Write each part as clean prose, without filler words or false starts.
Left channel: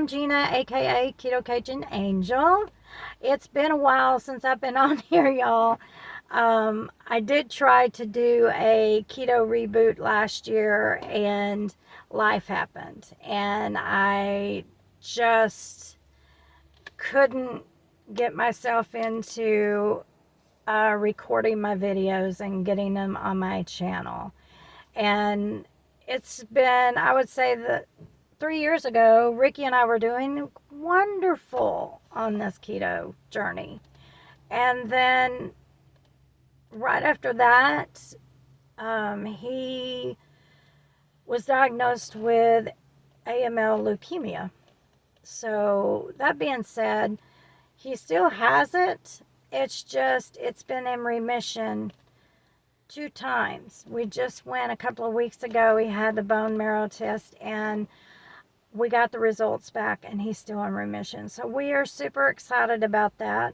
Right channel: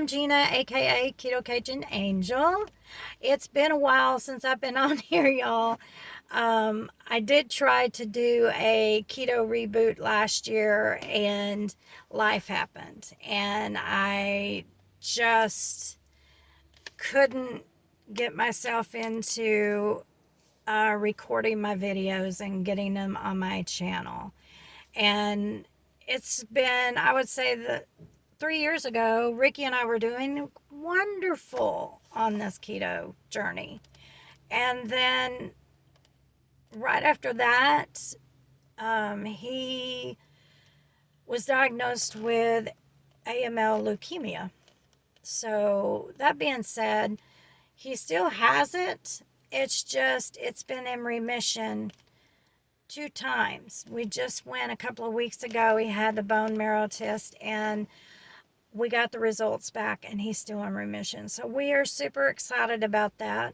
I'm Gina, aka Keto Cajun Angel. It's been a while since I've been on here, y'all. I did try to do a keto reboot last year, and life happened, and I just couldn't get myself into recording my videos and getting them on my channel. And it's been, I would say, that 3 years ago, Ricky and I were doing wonderful on this keto journey. And then right after that, he was diagnosed with AML leukemia. So, that being said, he still has it. It's been in remission 2 times. We just went a couple of weeks ago. He had the bone marrow test, and we got the results back, and he's still in remission. So we are super excited about that.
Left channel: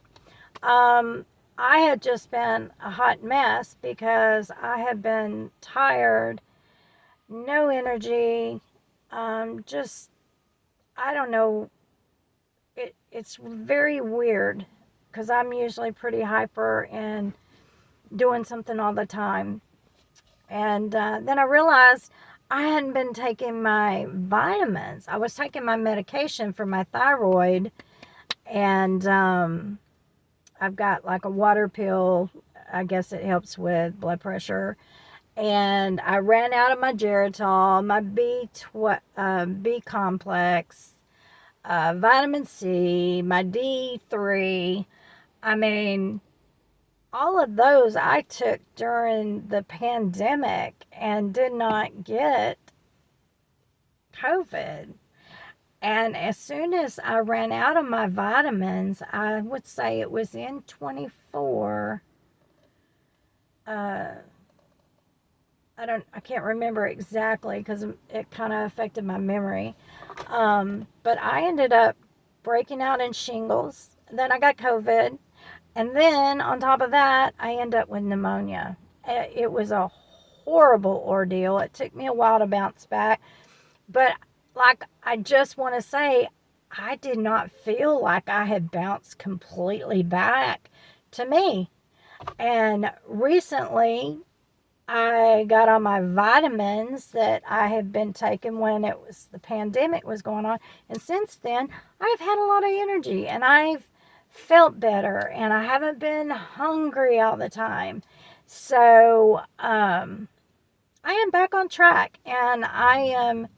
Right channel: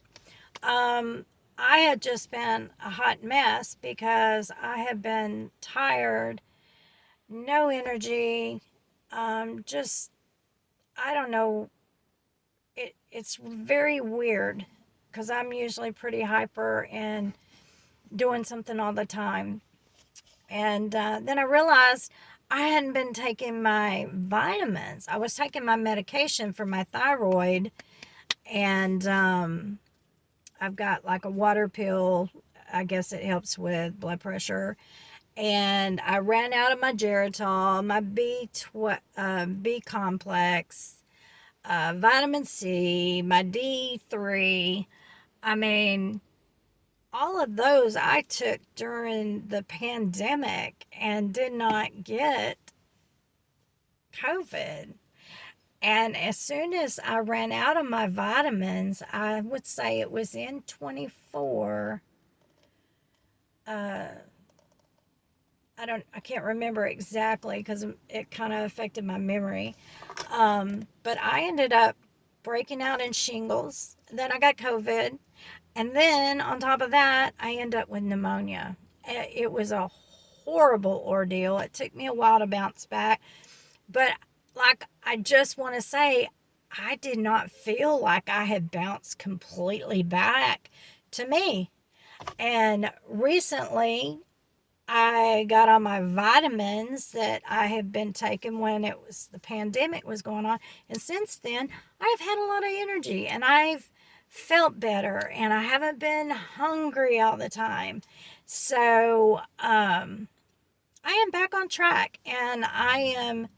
Um, I had just been a hot mess because I have been tired, no energy, just, I don't know. It's very weird because I'm usually pretty hyper and doing something all the time. And then I realized I hadn't been taking my vitamins. I was taking my medication for my thyroid, and I've got like a water pill. I guess it helps with blood pressure. And I ran out of my Geritol, my B complex, vitamin C, my D3. I mean, all of those I took during the pandemic and did not get COVID. And as soon as I ran out of my vitamins, I would say it was in 24. Uh, I can't remember exactly because it kind of affected my memory. But I ended up breaking out in shingles. Then I got COVID. And then on top of that, I ended up with pneumonia. It was a horrible ordeal. It took me a while to bounce back. But like, I just want to say, I did not feel like I had bounced completely back to me. And recently, I got on my vitamins that I have been taking when the pandemic was going on. And since then, I've had a lot of energy, and I've felt better, and I haven't been hungry all the time. So, I am back on track, and I am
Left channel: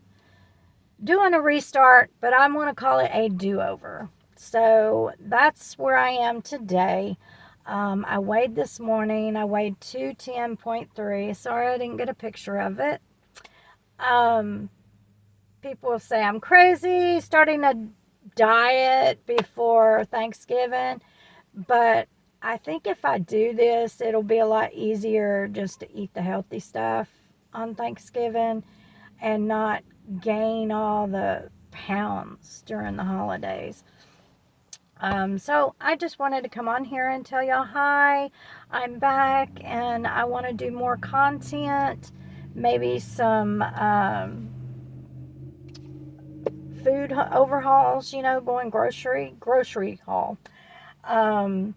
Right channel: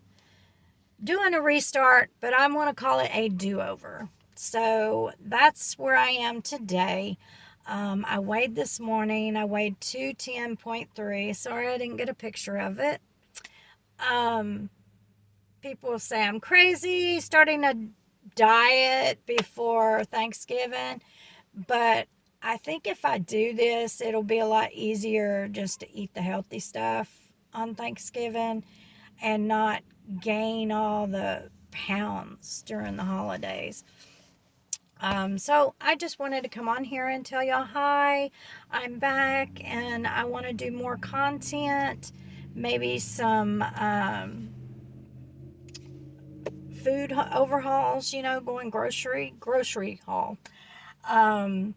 doing a restart, but I want to call it a do-over. So that's where I am today. I weighed this morning. I weighed 210.3. Sorry I didn't get a picture of it. Um, People say I'm crazy starting a diet before Thanksgiving, but I think if I do this, it'll be a lot easier just to eat the healthy stuff on Thanksgiving and not gain all the pounds during the holidays. So I just wanted to come on here and tell y'all hi. I'm back, and I want to do more content, maybe some food overhauls, going grocery haul. Um,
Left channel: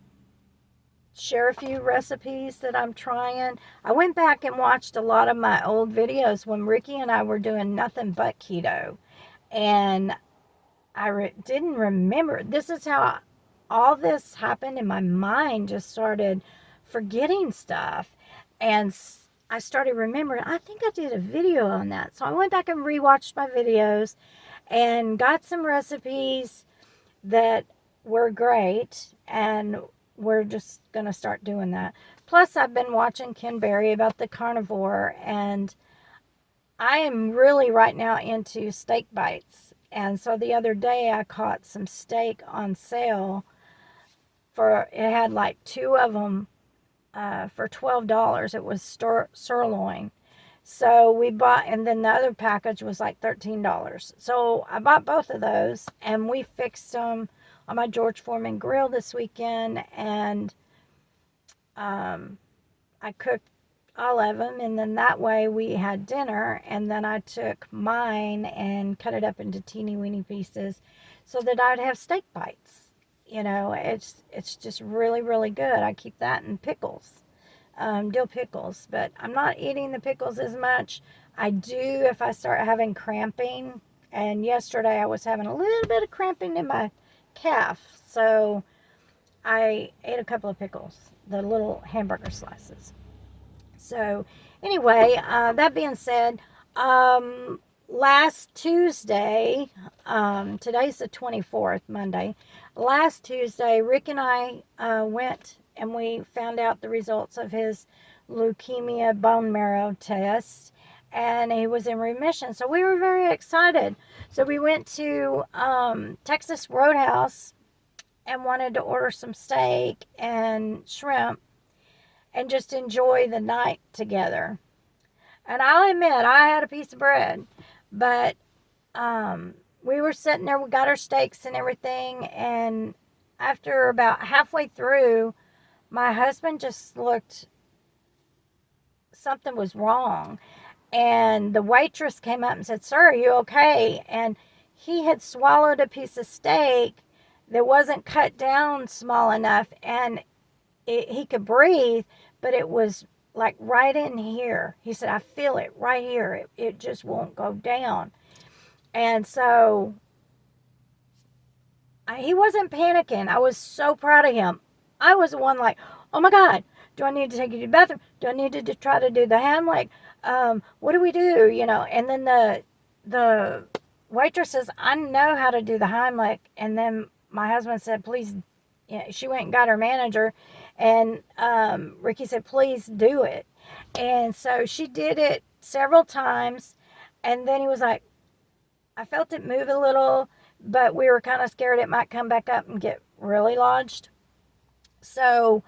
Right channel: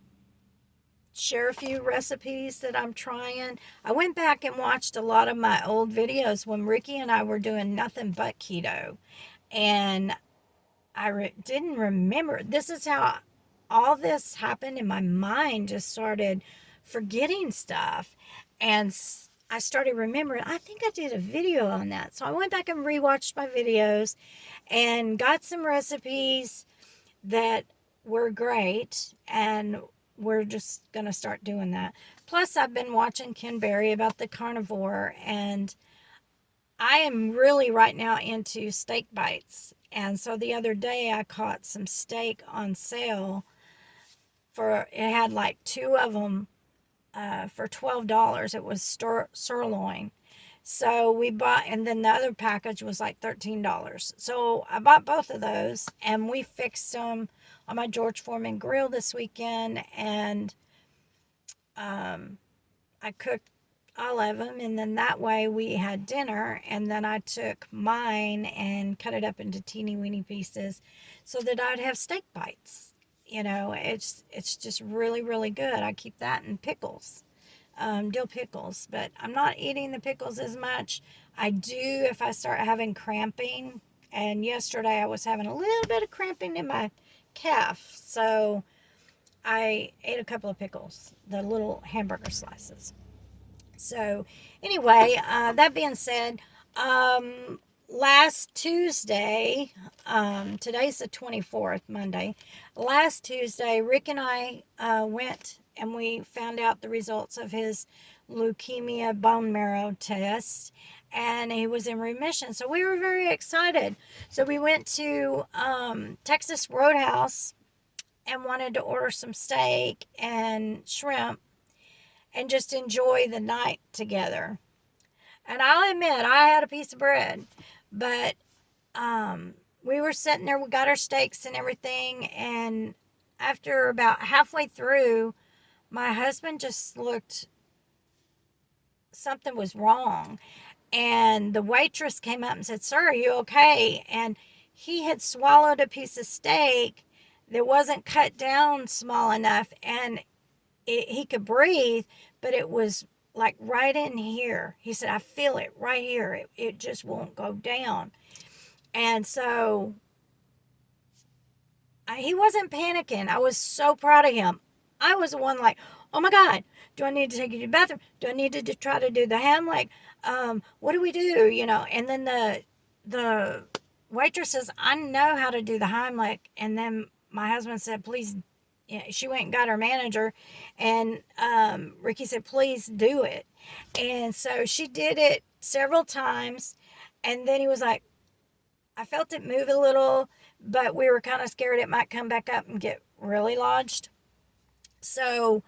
Share a few recipes that I'm trying. I went back and watched a lot of my old videos when Ricky and I were doing nothing but keto. And didn't remember. This is how all this happened in my mind. Just started forgetting stuff. And I started remembering, I think I did a video on that. So I went back and rewatched my videos and got some recipes that were great, and we're just going to start doing that. Plus, I've been watching Ken Berry about the carnivore, and I am really right now into steak bites. And so the other day I caught some steak on sale it had like two of them for $12. It was sirloin. So we bought, and then the other package was like $13. So I bought both of those, and we fixed them on my George Foreman grill this weekend. And I cooked all of them, and then that way we had dinner, and then I took mine and cut it up into teeny weeny pieces so that I'd have steak bites. It's just really, really good. I keep that in pickles, dill pickles, but I'm not eating the pickles as much. I do if I start having cramping, and yesterday I was having a little bit of cramping in my calf, so I ate a couple of pickles, the little hamburger slices. So, anyway, that being said, um, last Tuesday, today's the 24th, Monday. Last Tuesday, Rick and I went and we found out the results of his leukemia bone marrow test, and he was in remission. So, we were very excited. So, we went to Texas Roadhouse and wanted to order some steak and shrimp and just enjoy the night together. And I'll admit, I had a piece of bread, but we were sitting there, we got our steaks and everything, and after about halfway through, my husband just looked, something was wrong. And the waitress came up and said, "Sir, are you okay?" And he had swallowed a piece of steak that wasn't cut down small enough, and he could breathe, but it was like right in here. He said, "I feel it right here. It just won't go down." And so he wasn't panicking. I was so proud of him. I was the one like, "Oh my God, do I need to take you to the bathroom? Do I need to try to do the Hamlet? What do we do?" And then the waitress says, "I know how to do the Heimlich." And then my husband said, "Please," she went and got her manager, and Ricky said, "Please do it." And so she did it several times, and then he was like, I felt it move a little, but we were kind of scared it might come back up and get really lodged. So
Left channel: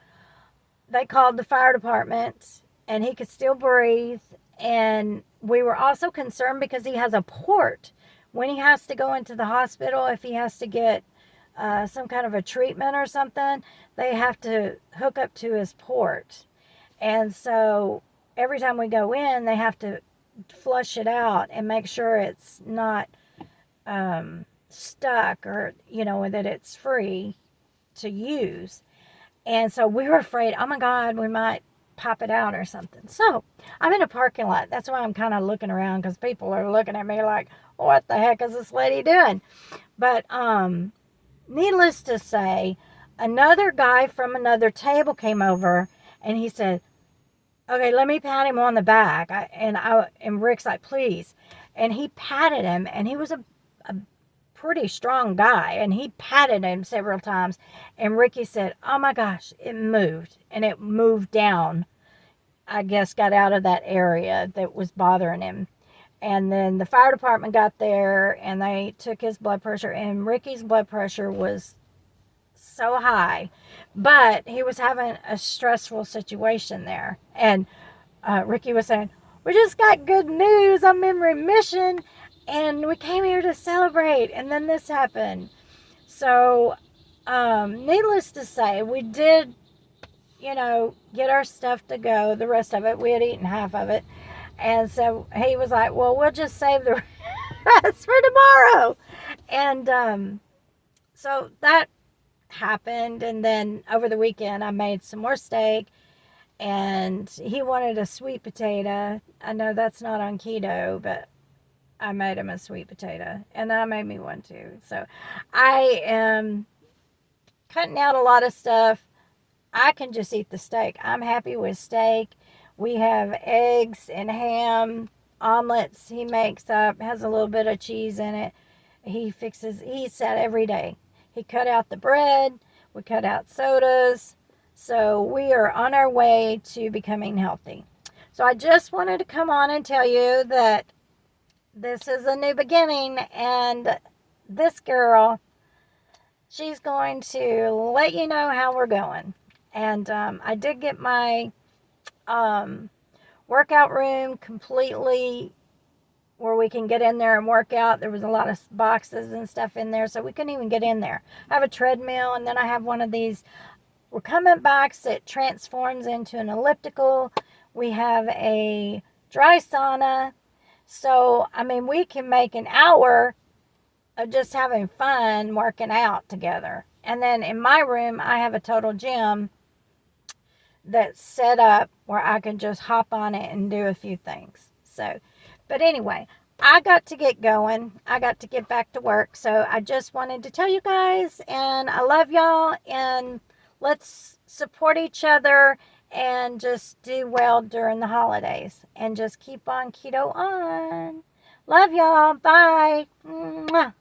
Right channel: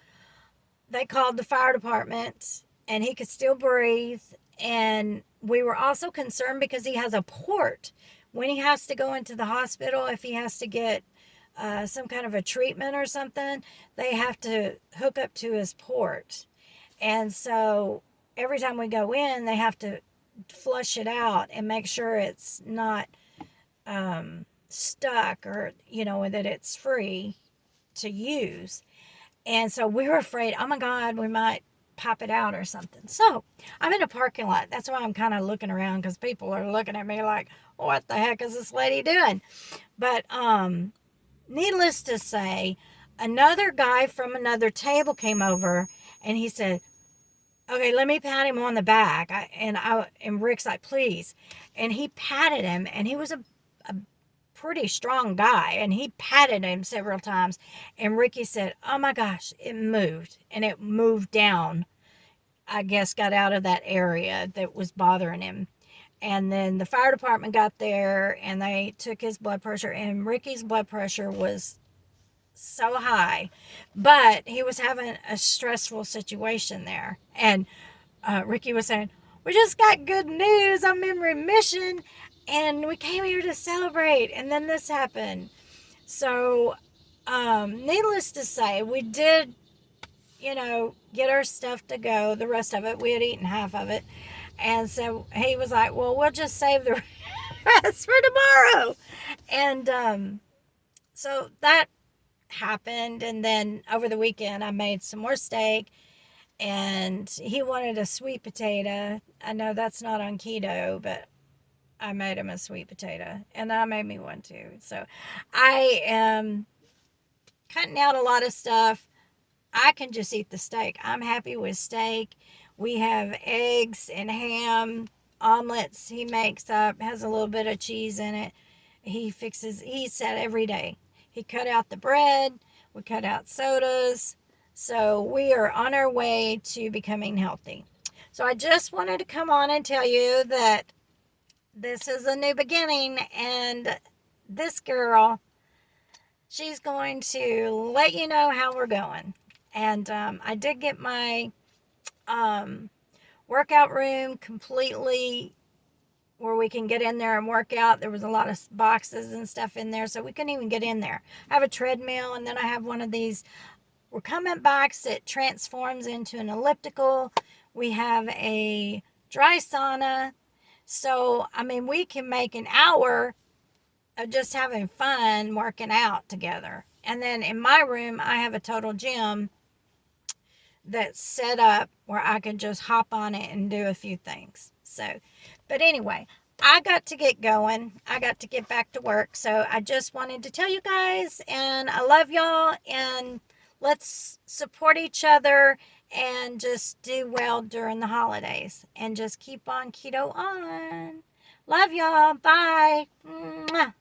they called the fire department, and he could still breathe. And we were also concerned because he has a port. When he has to go into the hospital, if he has to get some kind of a treatment or something, they have to hook up to his port. And so every time we go in, they have to flush it out and make sure it's not stuck, or, that it's free to use. And so we were afraid, oh my God, we might pop it out or something. So I'm in a parking lot. That's why I'm kind of looking around, because people are looking at me like, what the heck is this lady doing? But needless to say, another guy from another table came over, and he said, "Okay, let me pat him on the back." And Rick's like, "Please." And he patted him, and he was a pretty strong guy, and he patted him several times. And Ricky said, "Oh my gosh, it moved." And it moved down, I guess, got out of that area that was bothering him. And then the fire department got there, and they took his blood pressure, and Ricky's blood pressure was so high, but he was having a stressful situation there. And Ricky was saying, "We just got good news. I'm in remission, and we came here to celebrate." And then this happened. So, needless to say, we did, get our stuff to go. The rest of it, we had eaten half of it. And so he was like, "Well, we'll just save the rest for tomorrow." And so that happened. And then over the weekend, I made some more steak, and he wanted a sweet potato. I know that's not on keto, but I made him a sweet potato, and I made me one too. So I am cutting out a lot of stuff. I can just eat the steak. I'm happy with steak. We have eggs and ham, omelets he makes up, has a little bit of cheese in it. He eats that every day. He cut out the bread. We cut out sodas. So we are on our way to becoming healthy. So I just wanted to come on and tell you that this is a new beginning, and this girl, she's going to let you know how we're going. And I did get my workout room completely where we can get in there and work out. There was a lot of boxes and stuff in there, so we couldn't even get in there. I have a treadmill, and then I have one of these recumbent bikes that transforms into an elliptical We have a dry sauna. So, I mean, we can make an hour of just having fun working out together. And then in my room, I have a total gym that's set up where I can just hop on it and do a few things. So, but anyway, I got to get going. I got to get back to work. So I just wanted to tell you guys, and I love y'all, and let's support each other and just do well during the holidays and just keep on keto on. Love y'all. Bye. Mwah.